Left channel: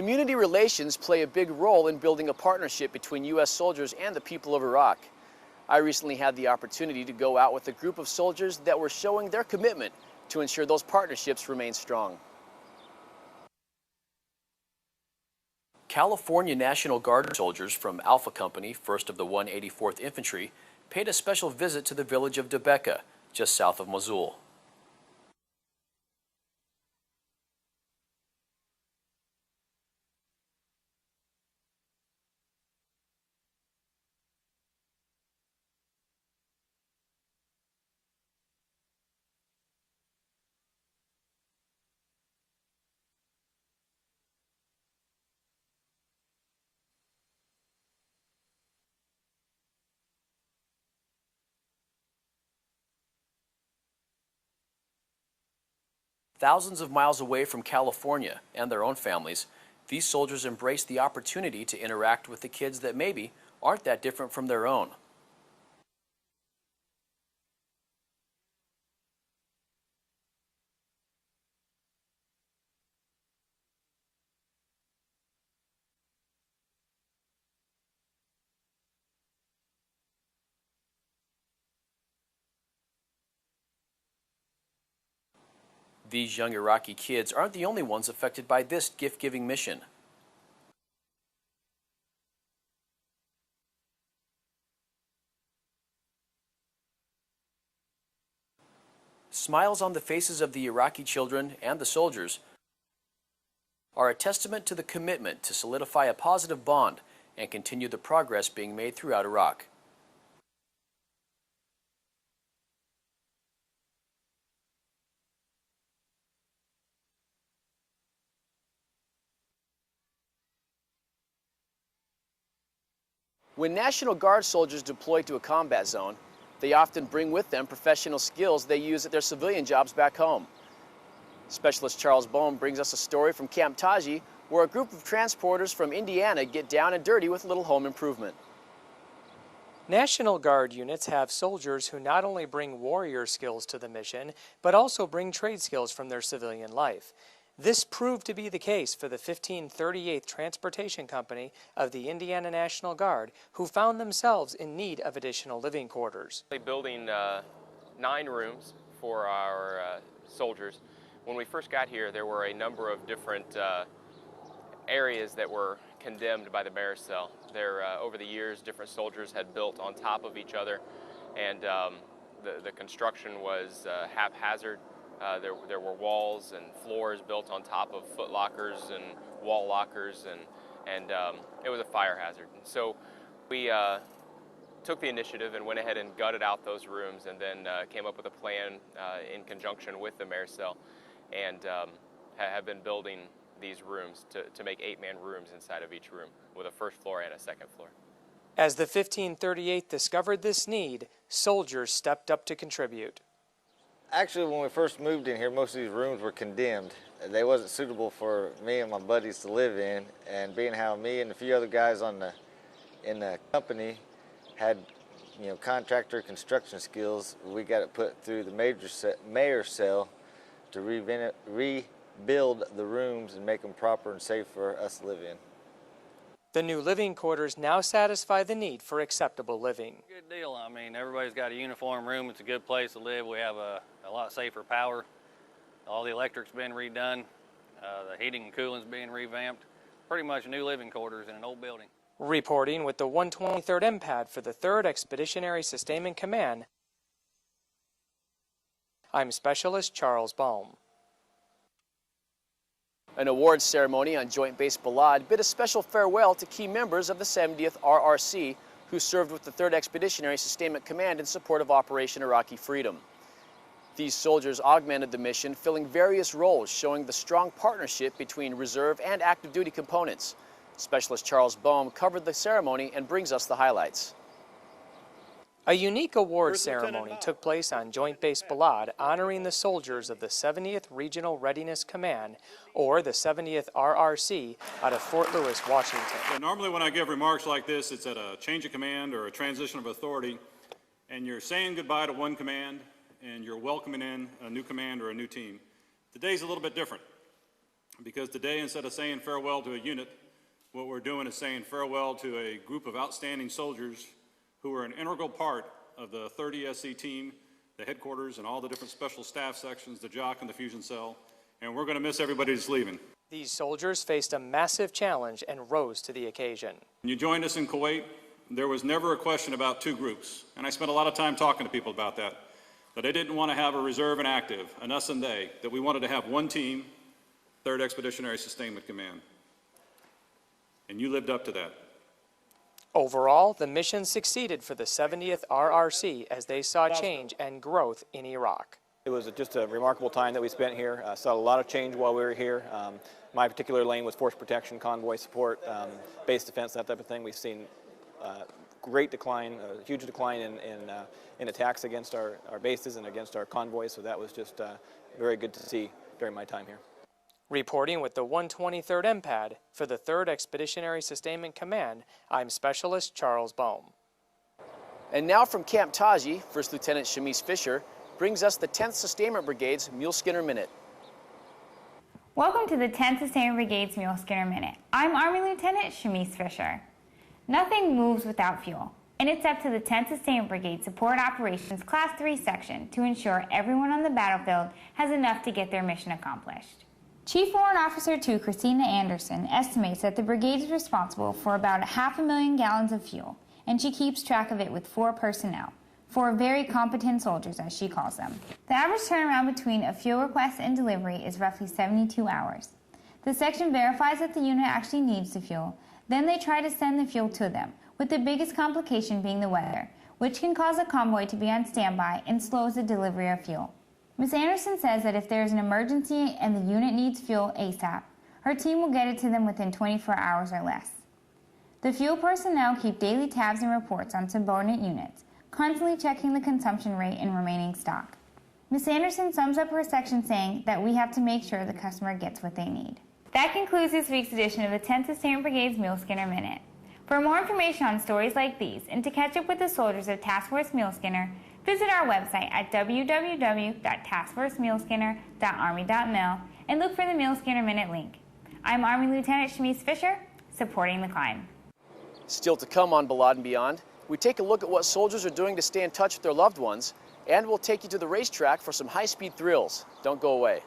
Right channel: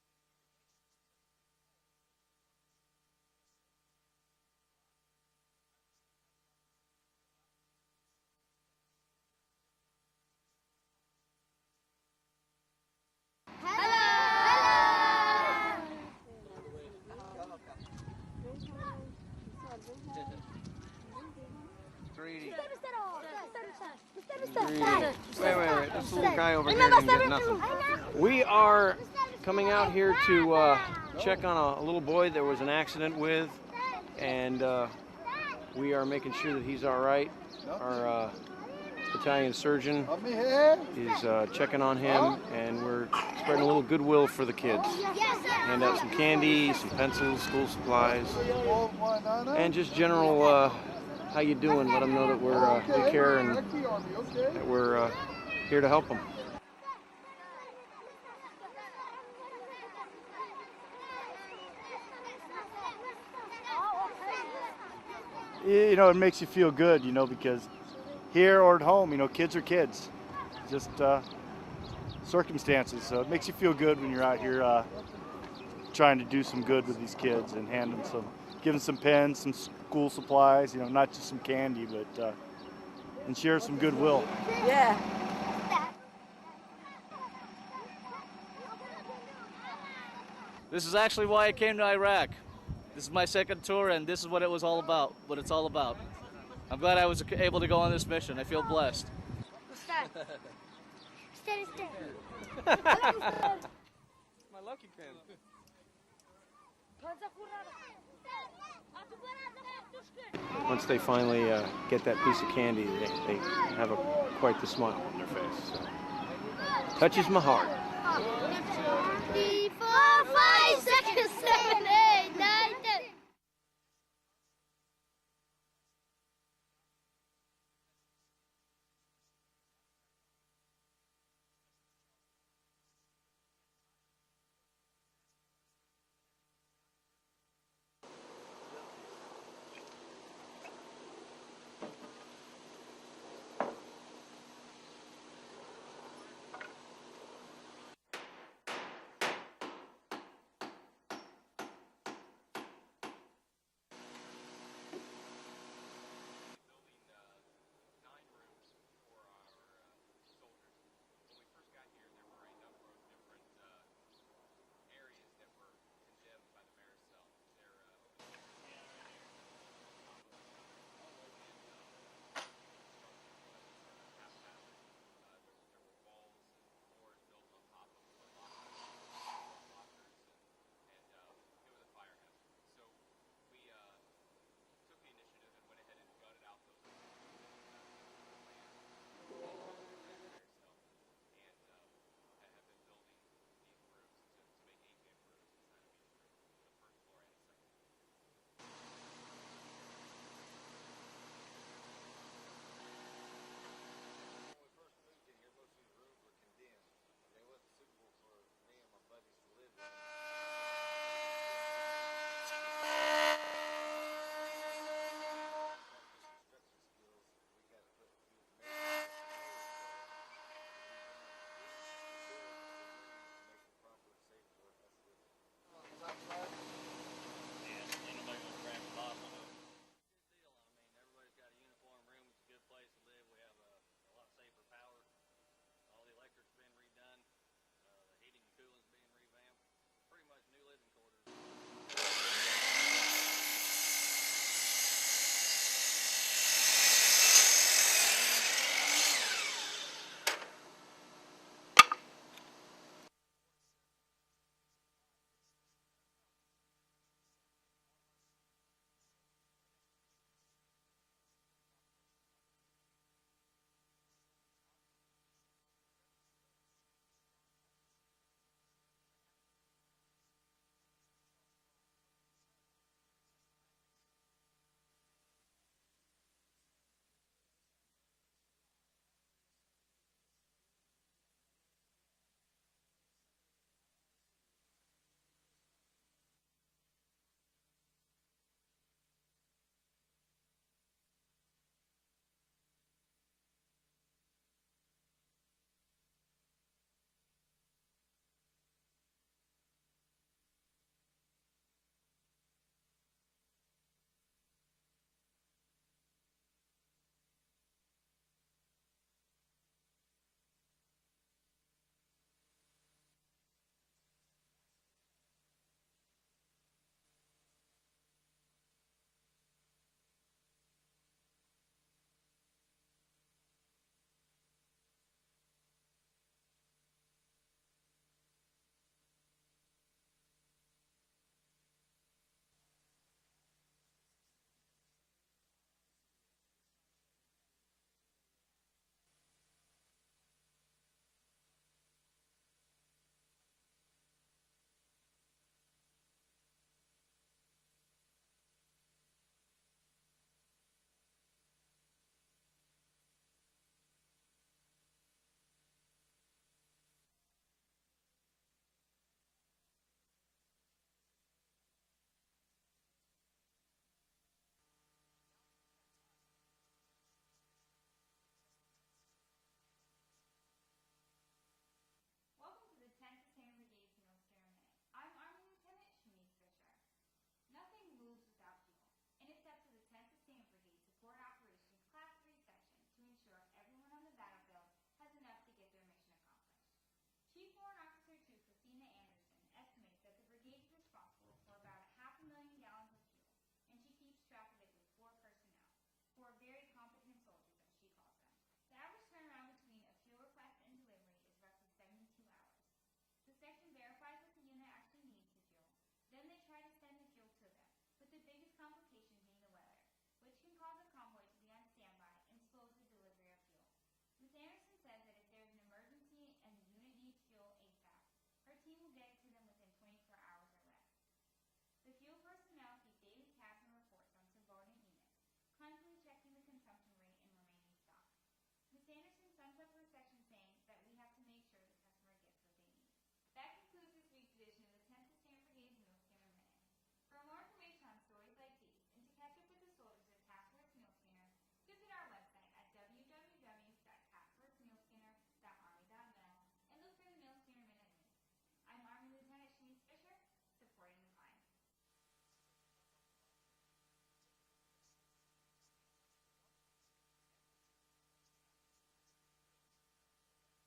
Community relations play a big role in building a partnership between U.S. soldiers and the people of Iraq. I recently had the opportunity to go out with a group of soldiers that were showing their commitment to ensure those partnerships remain strong. Hello. California National Guard soldiers from Alpha Company, 1st of the 184th Infantry, paid a special visit to the village of Debeka, just south of Mosul. Wait. This little guy over here didn't get nothing. We are coming out here to check on a little boy there was an accident with, and we are making sure that he's all right. Our battalion surgeon is checking on him, and we're spreading a little goodwill for the kids. Hand out some candy, some pencils, school supplies, and just general how you doing. Let them know that we care and that we're here to help them. Thousands of miles away from California and their own families, these soldiers embrace the opportunity to interact with the kids that maybe aren't that different from their own. You know, it makes you feel good, you know, because here or at home, you know, kids are kids. Just circumstances. So it makes you feel good when you're out here trying to do some good with these kids and give them some pens, some school supplies, you know, not just some candy, but and share some goodwill. Yeah. These young Iraqi kids aren't the only ones affected by this gift-giving mission. This is actually why I came to Iraq. This is my second tour, and this is what it was all about, what it's all about. I'm glad I was able to go on this mission. I feel blessed. Smiles on the faces of the Iraqi children and the soldiers are a testament to the commitment to solidify a positive bond and continue the progress being made throughout Iraq. Once they finally get that piece of candy, they have quite the smile on their face. So. Touches my heart. 3, 4, 5, 6, 7, 8, 9, 10. When National Guard soldiers deploy to a combat zone, they often bring with them professional skills they use at their civilian jobs back home. Specialist Charles Bohm brings us a story from Camp Taji, where a group of transporters from Indiana get down and dirty with a little home improvement. National Guard units have soldiers who not only bring warrior skills to the mission, but also bring trade skills from their civilian life. This proved to be the case for the 1538th Transportation Company of the Indiana National Guard, who found themselves in need of additional living quarters. Building 9 rooms for our soldiers. When we first got here, there were a number of different areas that were condemned by the bear cell. Over the years, different soldiers had built on top of each other, and the construction was haphazard. There were walls and floors built on top of foot lockers and wall lockers, and it was a fire hazard. And so we took the initiative and went ahead and gutted out those rooms, and then came up with a plan in conjunction with the mayor cell, and have been building these rooms to make 8-man rooms inside of each room with a first floor and a second floor. As the 1538th discovered this need, soldiers stepped up to contribute. Actually, when we first moved in here, most of these rooms were condemned. They wasn't suitable for me and my buddies to live in, and being how me and a few other guys in the company had, you know, contractor construction skills, we got it put through the mayor's cell to rebuild the rooms and make them proper and safe for us to live in. The new living quarters now satisfy the need for acceptable living. Good deal. I mean, everybody's got a uniform room. It's a good place to live. We have a lot safer power. All the electric's been redone. The heating and cooling's being revamped. Pretty much new living quarters in an old building. Reporting with the 123rd MPAD for the 3rd Expeditionary Sustainment Command, I'm Specialist Charles Bohm. An awards ceremony on Joint Base Balad bid a special farewell to key members of the 70th RRC who served with the 3rd Expeditionary Sustainment Command in support of Operation Iraqi Freedom. These soldiers augmented the mission, filling various roles, showing the strong partnership between reserve and active duty components. Specialist Charles Bohm covered the ceremony and brings us the highlights. A unique award ceremony took place on Joint Base Balad, honoring the soldiers of the 70th Regional Readiness Command, or the 70th RRC, out of Fort Lewis, Washington. Normally when I give remarks like this, it's at a change of command or a transition of authority, and you're saying goodbye to one command, and you're welcoming in a new command or a new team. Today's a little bit different. because today, instead of saying farewell to a unit, what we're doing is saying farewell to a group of outstanding soldiers who were an integral part of the 3rd ESC team, the headquarters, and all the different special staff sections, the JOC and the fusion cell, and we're going to miss everybody that's leaving. These soldiers faced a massive challenge and rose to the occasion. When you joined us in Kuwait, there was never a question about two groups, and I spent a lot of time talking to people about that. That I didn't want to have a reserve and active, an us and they, that we wanted to have one team, 3rd Expeditionary Sustainment Command. And you lived up to that. Overall, the mission succeeded for the 70th RRC as they saw change and growth in Iraq. It was just a remarkable time that we spent here. Saw a lot of change while we were here. My particular lane was force protection, convoy support, base defense, that type of thing. We've seen great decline, a huge decline in attacks against our bases and against our convoys, so that was just very good to see during my time here. Reporting with the 123rd MPAD for the 3rd Expeditionary Sustainment Command, I'm Specialist Charles Bohm. And now from Camp Taji, First Lieutenant Shamise Fisher brings us the 10th Sustainment Brigade's Mule Skinner Minute. Welcome to the 10th Sustainment Brigade's Mule Skinner Minute. I'm Army Lieutenant Shamise Fisher. Nothing moves without fuel, and it's up to the 10th Sustainment Brigade Support Operations Class 3 section to ensure everyone on the battlefield has enough to get their mission accomplished. Chief Warrant Officer 2 Christina Anderson estimates that the brigade is responsible for about 500,000 gallons of fuel, and she keeps track of it with 4 personnel, 4 very competent soldiers as she calls them. The average turnaround between a fuel request and delivery is roughly 72 hours. The section verifies that the unit actually needs the fuel, then they try to send the fuel to them, with the biggest complication being the weather, which can cause a convoy to be on standby and slows the delivery of fuel. Ms. Anderson says that if there is an emergency and the unit needs fuel ASAP, her team will get it to them within 24 hours or less. The fuel personnel keep daily tabs and reports on subordinate units, constantly checking the consumption rate and remaining stock. Ms. Anderson sums up her section saying that we have to make sure the customer gets what they need. That concludes this week's edition of the 10th Sustainment Brigade's Mule Skinner Minute. For more information on stories like these and to catch up with the soldiers of Task Force Mule Skinner, visit our website at www.taskforcemuleskinner.army.mil and look for the Mule Skinner Minute link. I'm Army Lieutenant Shamise Fisher, supporting the climb. Still to come on Balad and Beyond, we take a look at what soldiers are doing to stay in touch with their loved ones, and we'll take you to the racetrack for some high-speed thrills. Don't go away.